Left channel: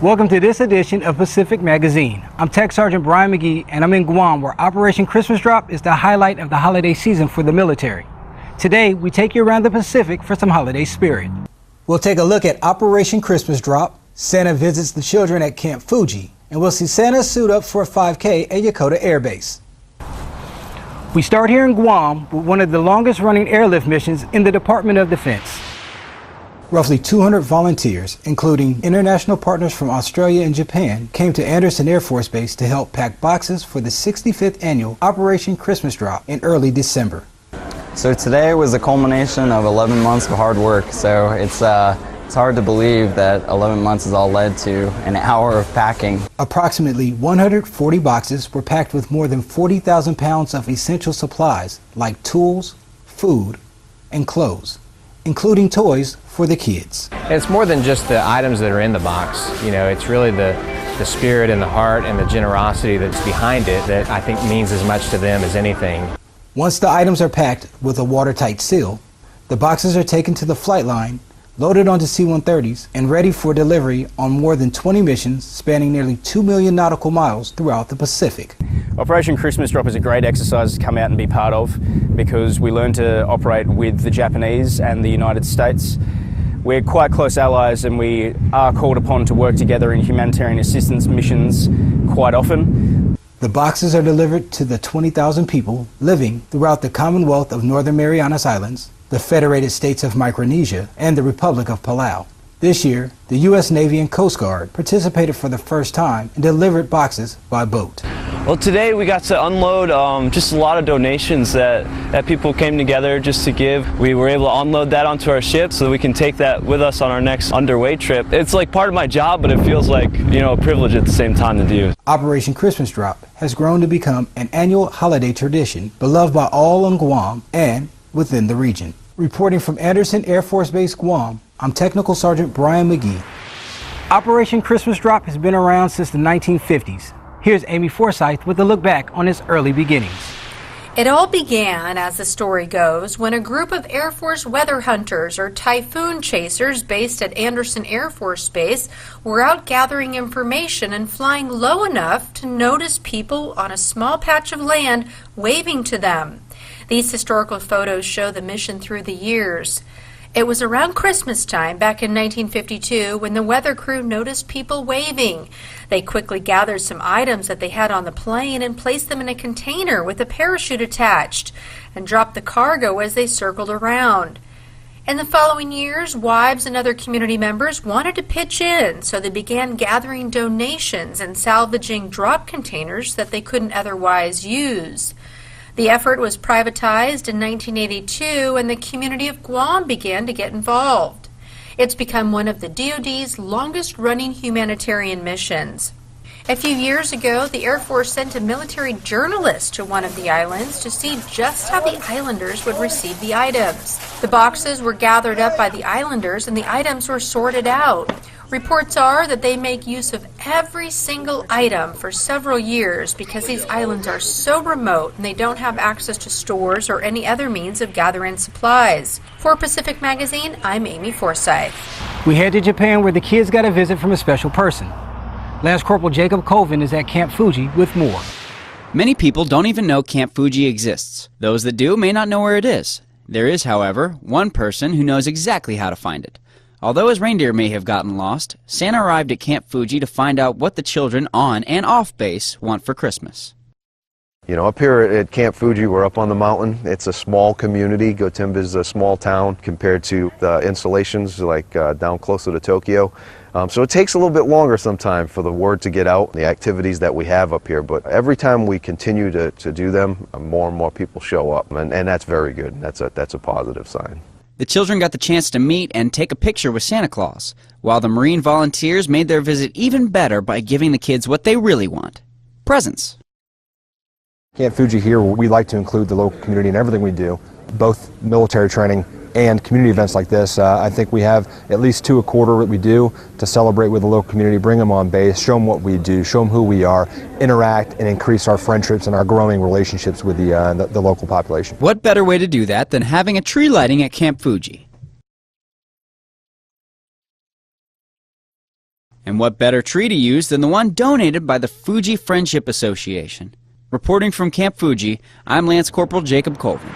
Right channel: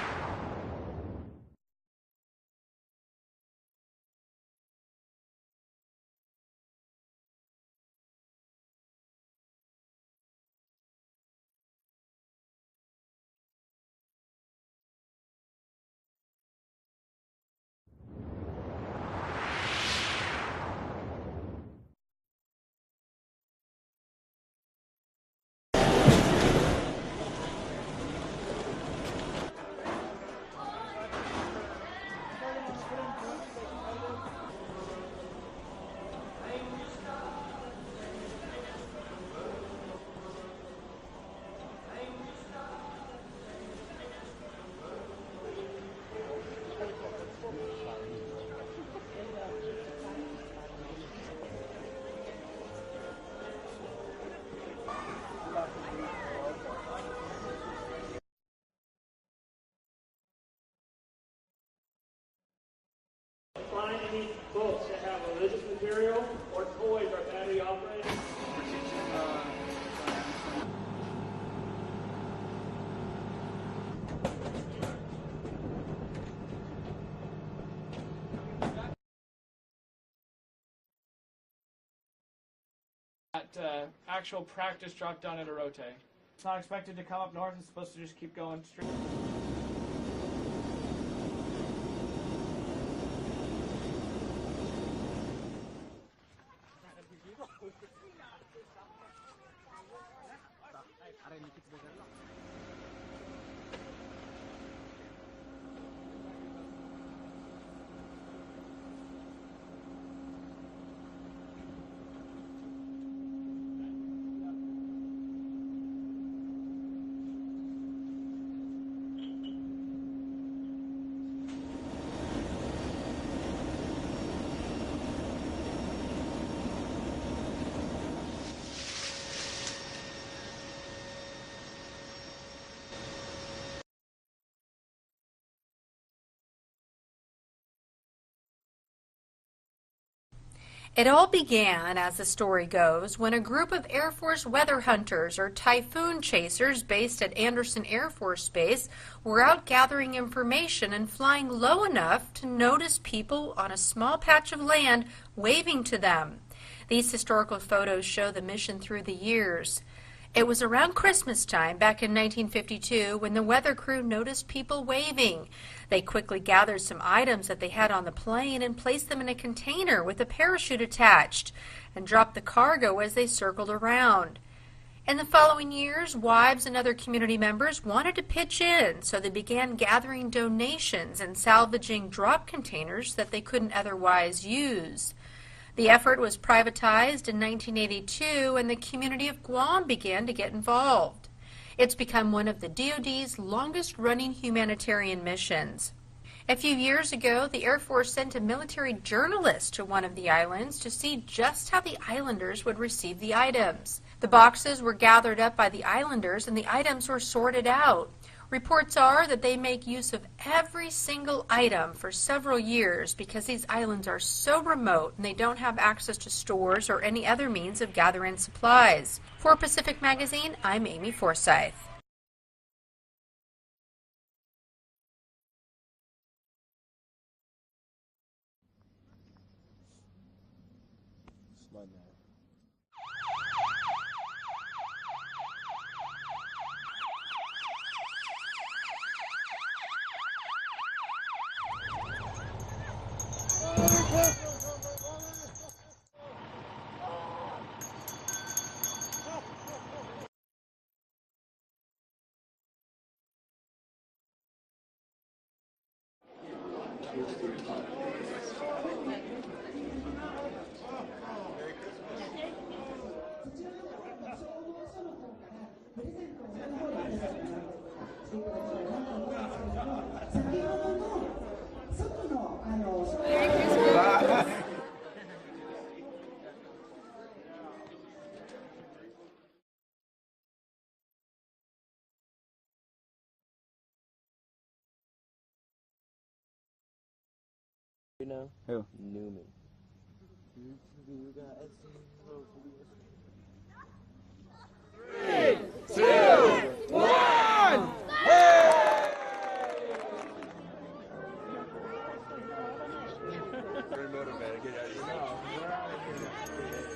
Welcome to this edition of Pacific Magazine. I'm Tech Sergeant Bryan Magee, and I'm in Guam, where Operation Christmas Drop is the highlight of the holiday season for the military. Today, we take you around the Pacific for some holiday spirit. We'll take a look at Operation Christmas Drop, Santa visits the children at Camp Fuji, and we'll see Santa suit up for a 5K at Yokota Air Base. We start here in Guam with one of the longest running airlift missions in the Department of Defense. Roughly 200 volunteers, including international partners from Australia and Japan, came to Andersen Air Force Base to help pack boxes for the 65th annual Operation Christmas Drop in early December. So today was a culmination of 11 months of hard work, so it's hard to believe that 11 months has all led to an hour of packing. Approximately 140 boxes were packed with more than 40,000 pounds of essential supplies like tools, food, and clothes, including toys for the kids. It's more than just the items that are in the box. You know, it's really the spirit and the heart and the generosity that's behind it that I think means as much to them as anything. Once the items are packed with a watertight seal, the boxes are taken to the flight line, loaded onto C-130s, and ready for delivery on more than 20 missions spanning nearly 2 million nautical miles throughout the Pacific. Operation Christmas Drop is a great exercise to come out and be part of because we learn to operate with the Japanese and the United States. We're quite close allies and we are called upon to work together in humanitarian assistance missions quite often. The boxes are delivered to the 20,000 people living throughout the Commonwealth of Northern Marianas Islands, the Federated States of Micronesia, and the Republic of Palau. This year, the U.S. Navy and Coast Guard participated for the first time and delivered boxes by boat. Well, today we got to unload just a lot of donations that people came together just to give. We were able to unload that onto our ship so that we can take that with us on our next underway trip. It's like part of my job, but it feels like, you know, a privilege at the same time to do. Operation Christmas Drop has grown to become an annual holiday tradition beloved by all in Guam and within the region. Reporting from Andersen Air Force Base, Guam, I'm Technical Sergeant Bryan Magee. Operation Christmas Drop has been around since the 1950s. Here's Amy Forsyth with a look back on its early beginnings. It all began, as the story goes, when a group of Air Force weather hunters or typhoon chasers based at Andersen Air Force Base were out gathering information and flying low enough to notice people on a small patch of land waving to them. These historical photos show the mission through the years. It was around Christmas time back in 1952 when the weather crew noticed people waving. They quickly gathered some items that they had on the plane and placed them in a container with a parachute attached and dropped the cargo as they circled around. In the following years, wives and other community members wanted to pitch in, so they began gathering donations and salvaging drop containers that they couldn't otherwise use. The effort was privatized in 1982 and the community of Guam began to get involved. It's become one of the DoD's longest-running humanitarian missions. A few years ago, the Air Force sent a military journalist to one of the islands to see just how the islanders would receive the items. The boxes were gathered up by the islanders and the items were sorted out. Reports are that they make use of every single item for several years because these islands are so remote and they don't have access to stores or any other means of gathering supplies. For Pacific Magazine, I'm Amy Forsyth. We head to Japan where the kids got a visit from a special person. Lance Corporal Jacob Colvin is at Camp Fuji with more. Many people don't even know Camp Fuji exists. Those that do may not know where it is. There is, however, one person who knows exactly how to find it. Although his reindeer may have gotten lost, Santa arrived at Camp Fuji to find out what the children on and off base want for Christmas. You know, up here at Camp Fuji, we're up on the mountain. It's a small community. Gotemba is a small town compared to the installations like down closer to Tokyo. So it takes a little bit longer sometimes for the word to get out, the activities that we have up here. But every time we continue to do them, more and more people show up. And that's very good. That's a positive sign. The children got the chance to meet and take a picture with Santa Claus, while the Marine volunteers made their visit even better by giving the kids what they really want: presents. Camp Fuji here, we like to include the local community in everything we do, both military training and community events like this. I think we have at least 2 a quarter that we do to celebrate with the local community, bring them on base, show them what we do, show them who we are, interact and increase our friendships and our growing relationships with the local population. What better way to do that than having a tree lighting at Camp Fuji? 3, 2, 1! And what better tree to use than the one donated by the Fuji Friendship Association? Reporting from Camp Fuji, I'm Lance Corporal Jacob Colvin.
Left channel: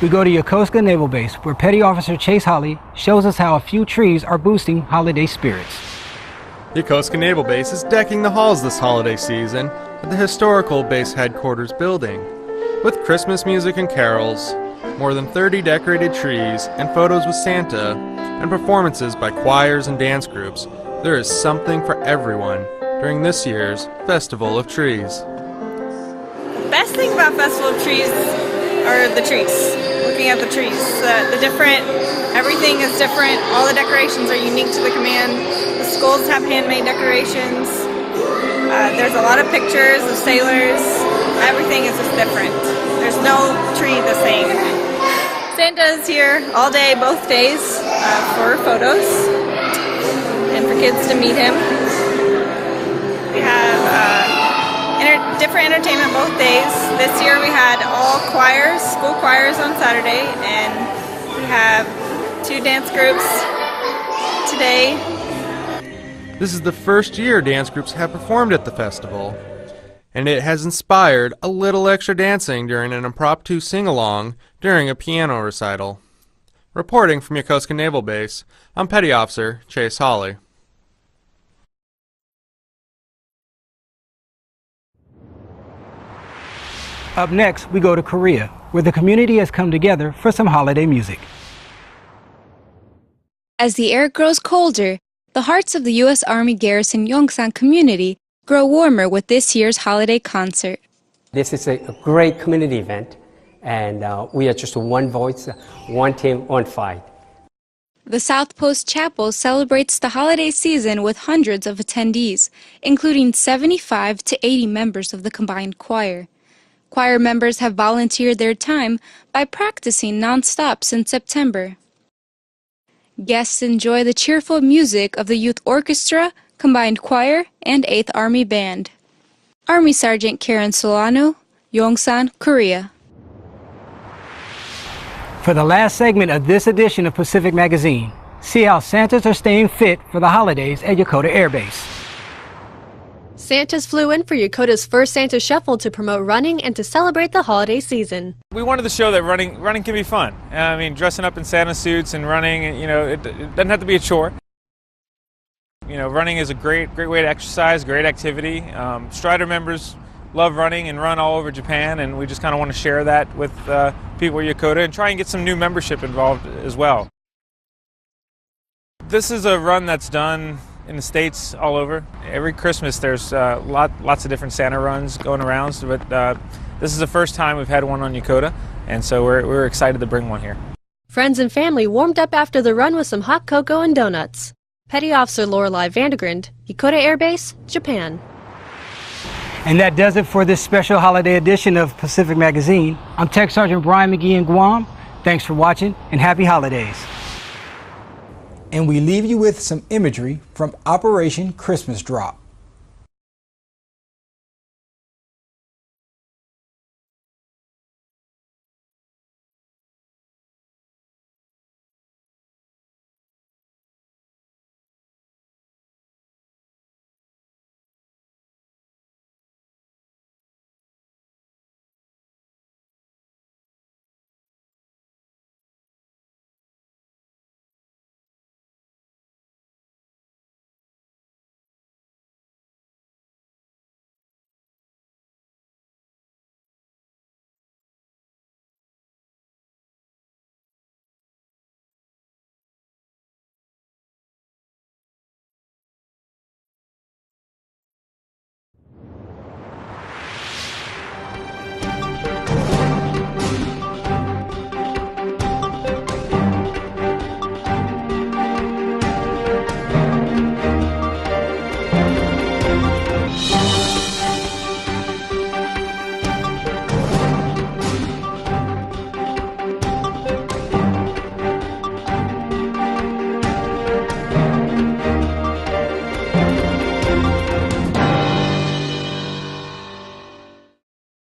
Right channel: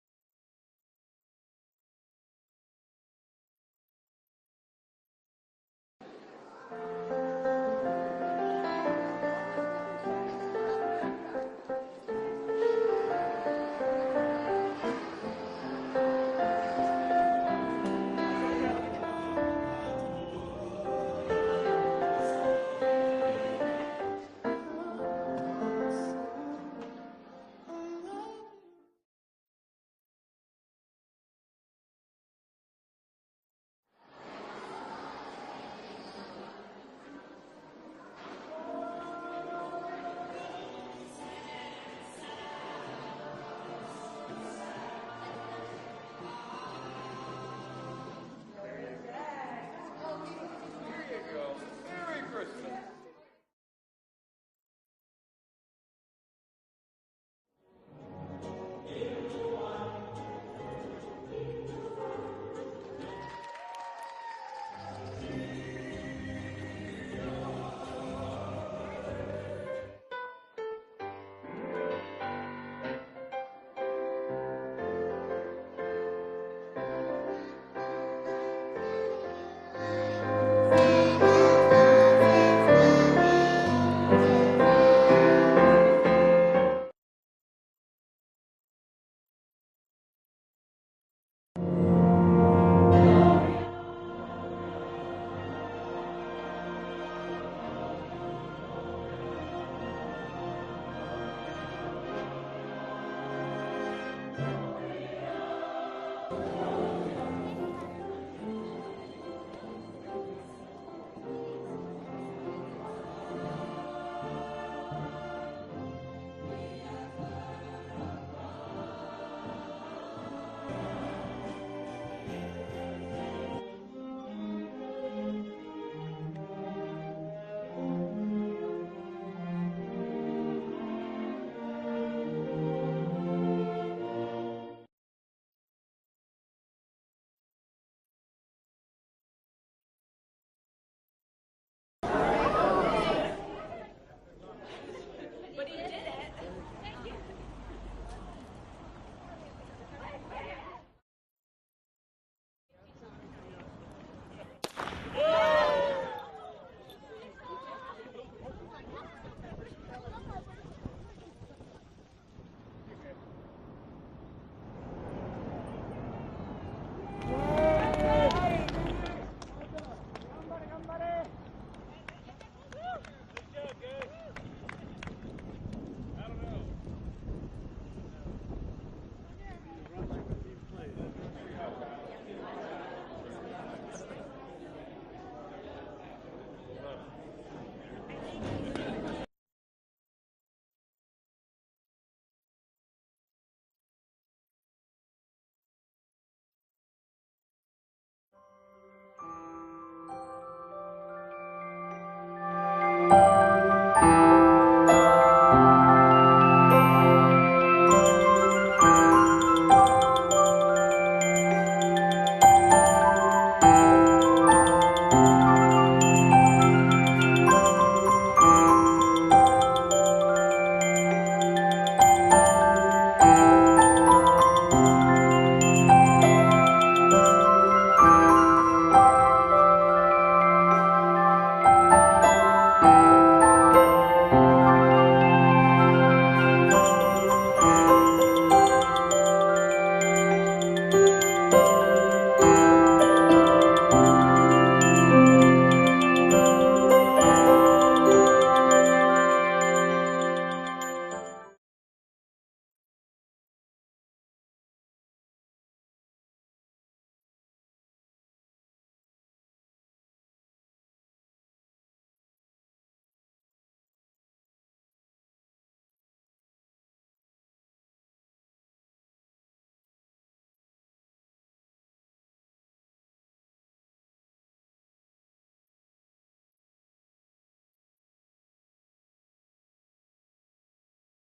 We go to Yokosuka Naval Base, where Petty Officer Chase Holly shows us how a few trees are boosting holiday spirits. Yokosuka Naval Base is decking the halls this holiday season at the historical base headquarters building. With Christmas music and carols, more than 30 decorated trees, and photos with Santa, and performances by choirs and dance groups, there is something for everyone during this year's Festival of Trees. The best thing about Festival of Trees are the trees. Looking at the trees, everything is different. All the decorations are unique to the command. The schools have handmade decorations. There's a lot of pictures of sailors. Everything is just different. There's no tree the same. Santa is here all day, both days, for photos and for kids to meet him. We have different entertainment both days. This year we had all choirs, school choirs on Saturday, and we have 2 dance groups today. This is the first year dance groups have performed at the festival, and it has inspired a little extra dancing during an impromptu sing-along during a piano recital. Reporting from Yokosuka Naval Base, I'm Petty Officer Chase Holly. Up next, we go to Korea, where the community has come together for some holiday music. As the air grows colder, the hearts of the U.S. Army Garrison Yongsan community grow warmer with this year's holiday concert. This is a great community event, and we are just one voice, one team, one fight. The South Post Chapel celebrates the holiday season with hundreds of attendees, including 75 to 80 members of the combined choir. Choir members have volunteered their time by practicing non-stop since September. Guests enjoy the cheerful music of the Youth Orchestra, Combined Choir, and 8th Army Band. Army Sergeant Karen Solano, Yongsan, Korea. For the last segment of this edition of Pacific Magazine, see how Santas are staying fit for the holidays at Yokota Air Base. Santas flew in for Yokota's first Santa Shuffle to promote running and to celebrate the holiday season. We wanted to show that running can be fun. I mean, dressing up in Santa suits and running, it doesn't have to be a chore. Running is a great way to exercise, great activity. Strider members love running and run all over Japan, and we just kind of want to share that with people at Yokota and try and get some new membership involved as well. This is a run that's done in the States all over. Every Christmas there's lots of different Santa runs going around, but this is the first time we've had one on Yokota, and so we're excited to bring one here. Friends and family warmed up after the run with some hot cocoa and donuts. Petty Officer Lorelei Vandergrund, Yokota Air Base, Japan. And that does it for this special holiday edition of Pacific Magazine. I'm Tech Sergeant Bryan Magee in Guam. Thanks for watching, and happy holidays. And we leave you with some imagery from Operation Christmas Drop.